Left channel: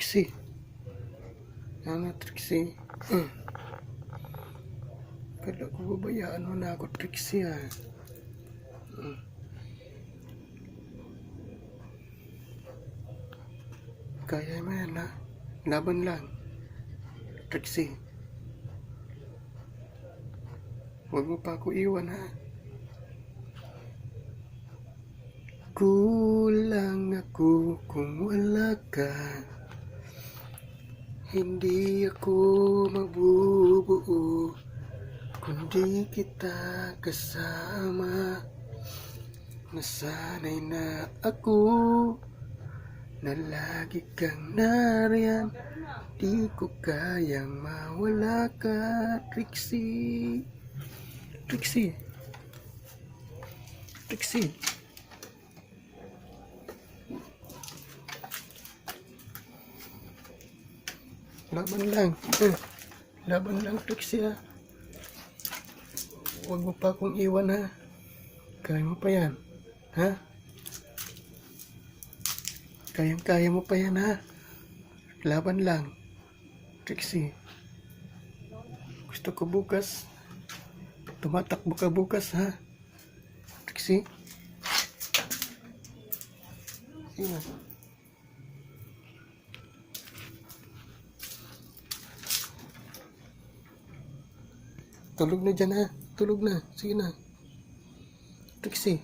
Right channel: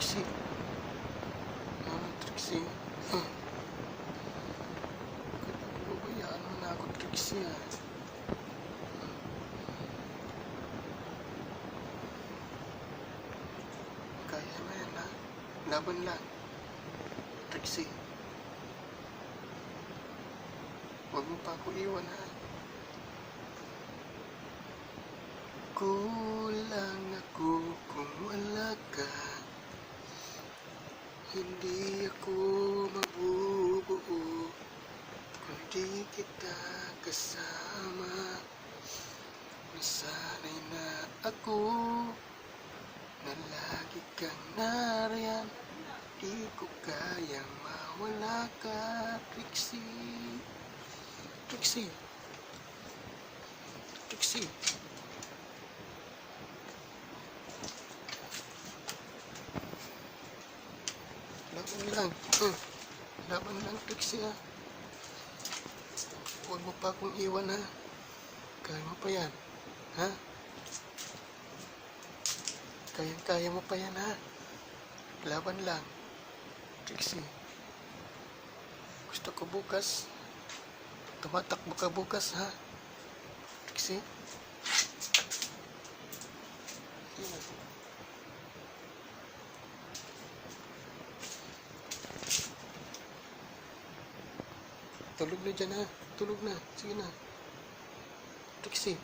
Trixie. Ano, Trixie? Kada ko babayaan mo na ako, Trixie, ha? Kaya mo yan, ha? Laban lang. Trixie. Huwag mo pa ako iwan, ha? Kulang ako kung wala ka. Hindi ako mabubuo kundi kita kasama. Nasanay na ako na lagi kang nariyan. Di ko kayang mawala ka, Trixie. Trixie. Trixie. Laban lang. Laban lang, Trixie, ha? Huwag mo pa akong iwan, ha? Kaya mo pa yan, ha? Kayang-kaya mo pa yan, ha? Laban lang, Trixie. Gusto ko bukas. Tumatakbo ka bukas, ha? Trixie? Yeah. Tulog na dyan, ha? Tulog na. Sige na. Trixie.